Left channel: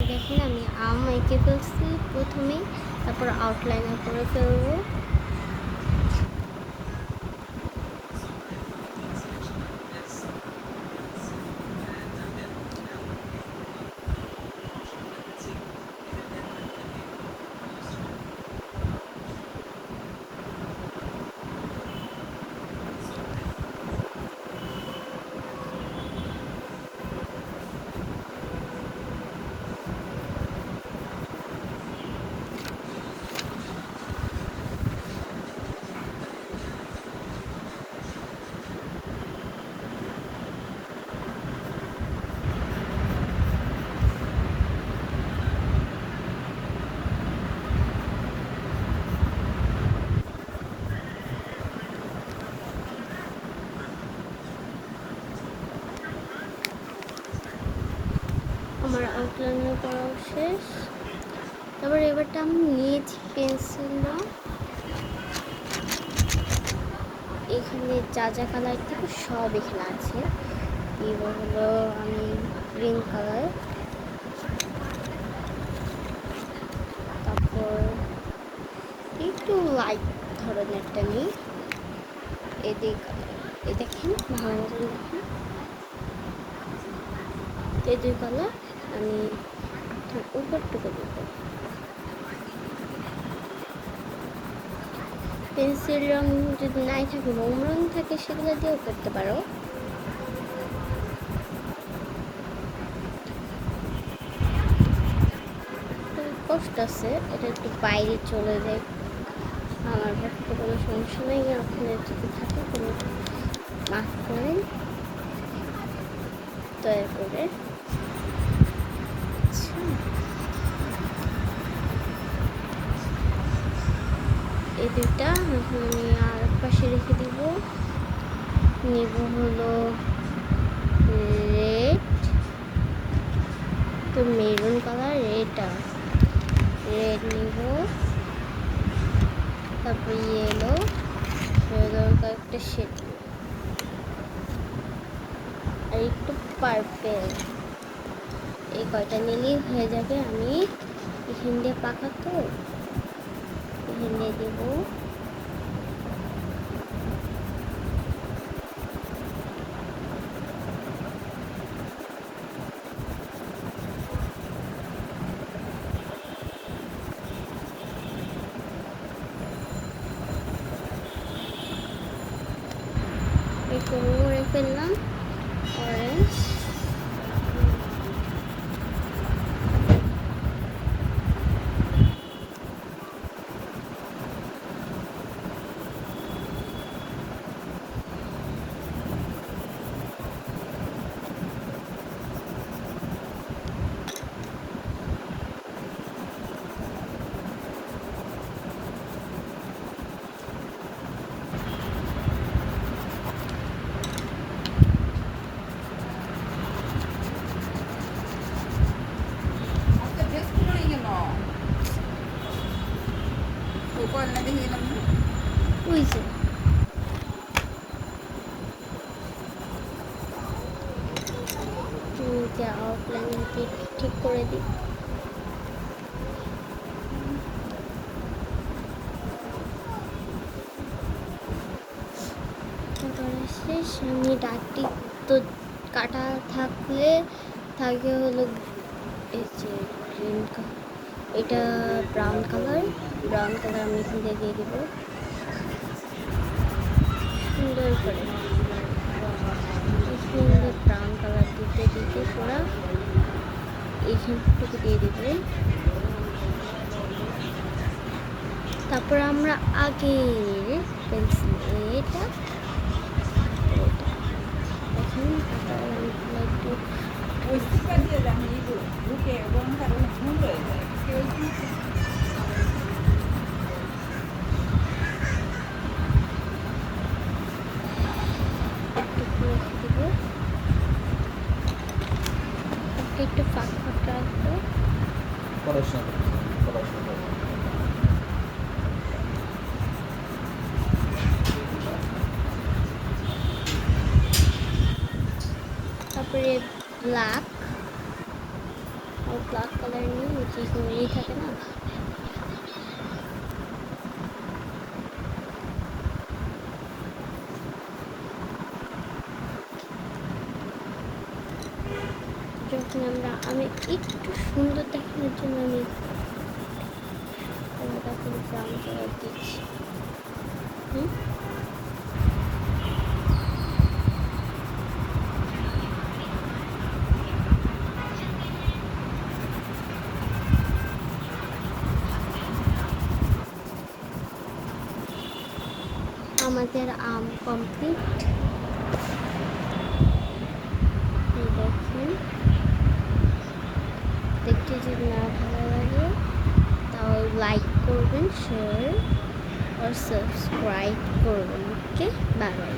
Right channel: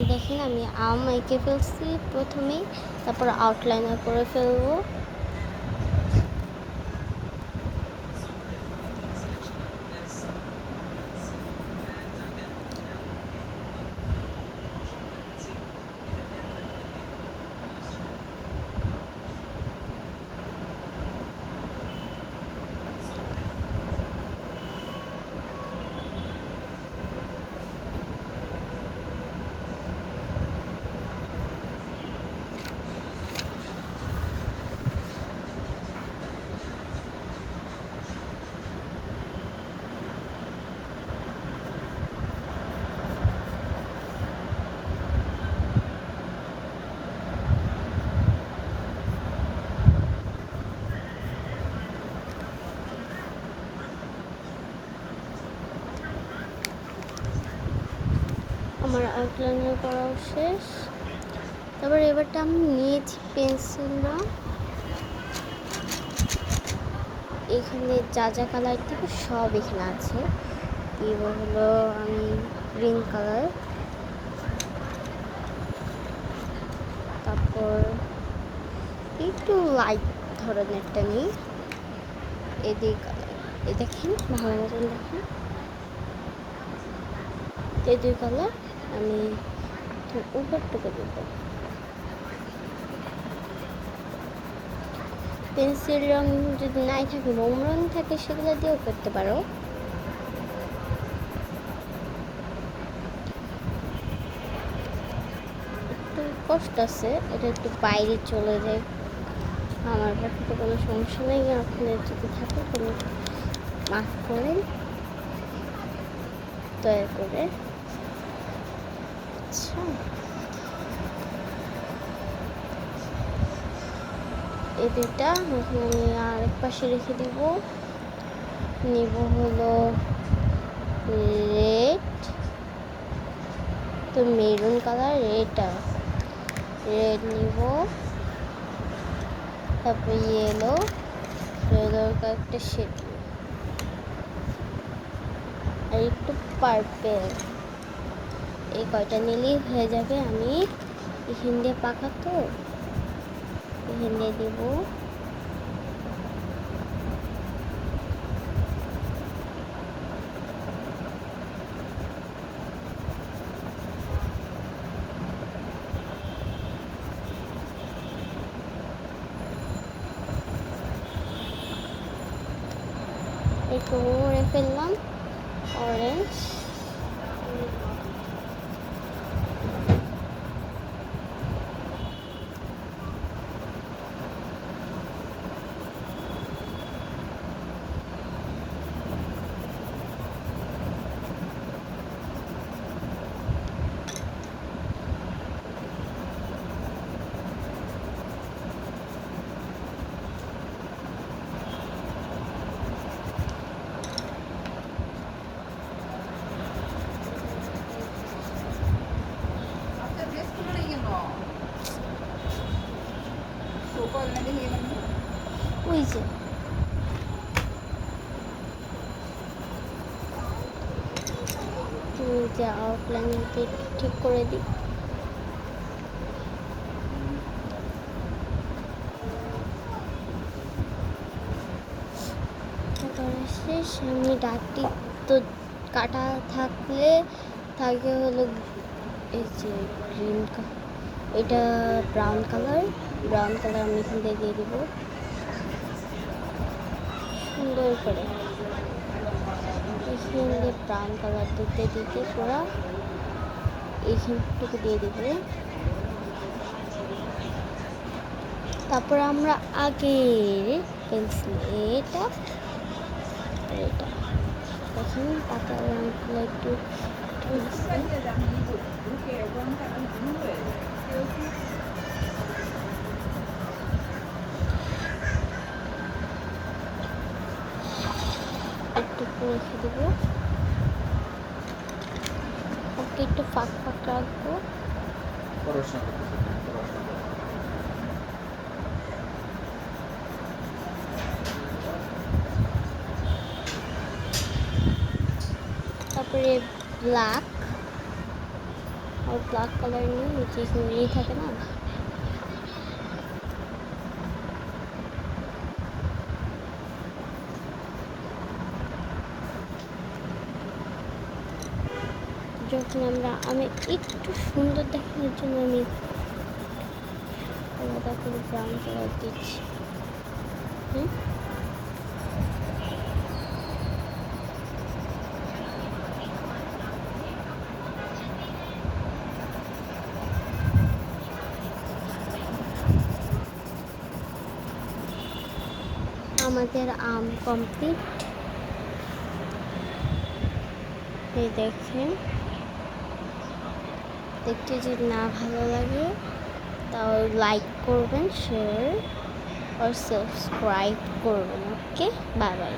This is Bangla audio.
দেখেন আমি আম এঁকে ফেলছি প্রথমেই, তারপর আউটলাইনার করে ফেলবো। আমার আউটলাইনার করা শেষ। তারপর এবারটা আমি নিয়েছি পেন্সিল রং। এখানে যা যা কালার থেকে সব এখানে আছে। এবার হলো আমি গ্রিন কালার, তারপর একটু লাইট ধরনেরটা নিই এদিক কালার। এই দেখেন ভালো মতন দেখেন এদিক কালার আমি উপরটুকু দেব। পেন্সিল রং যদি নাই থাকে, মোম রং থাকে, সেগুলো দিয়েও করতে পারো। কষ্ট আছে, এটা একটু বাইরে চলে যায়। আমার পক্ষে কোনো সমস্যা নেই, আপনি যদি থাকে কোনো মাফ করেন দয়া করে। আচ্ছা, এই দুইটা এখন আমি আর পাশে রেখে দিব। নেব হলো রেড, তো মেরুন কালার, রেডটা রেড নিব, তারপর ইয়েলো, ইয়েলোর কয়েকটা শেড আর একটু পার্পেল। এই কয়টা নিলেই হয়ে যাবে। আমি এখান দিয়ে পাকা তো এখান দিয়ে দেবো। একটু করে ফেললাম অরেঞ্জ। ওই যে আউটলাইন ঠিক করে দিই। সামনে ডাকটি তো কাটা থাকলে থাকে হলো এই যে গ্রিন, এটা ব্রাউন কালার। ব্রাউন কালার আমি এখান থেকে দিয়ে দেবো সুন্দর করে। সুন্দর ব্রাউন কালার দিতে দিতে পুরা এইখানটুকু দিয়ে দেবে। তারপর আমরা আগে পেন্সিল এটা এখন পাতা রঙগুলো একটু রেখে দেবো, একটু ফাঁক ফাঁক রাখবো। তারপরে ব্ল্যাক অল্প ব্ল্যাক কালার নিয়ে নিচে নীল থাকে না, যখন আমি একটু সুন্দর দেখানোর জন্য আমি আলাদা করে ব্রাউন কালার দিচ্ছি। আমাদের আম কমপ্লিট। এই দেখেন, দেখতে যদি না ভালো লাগে তাহলে লাইক করবেন, শেয়ার আর সাবস্ক্রাইব করবেন। ওকে, বাই বাই।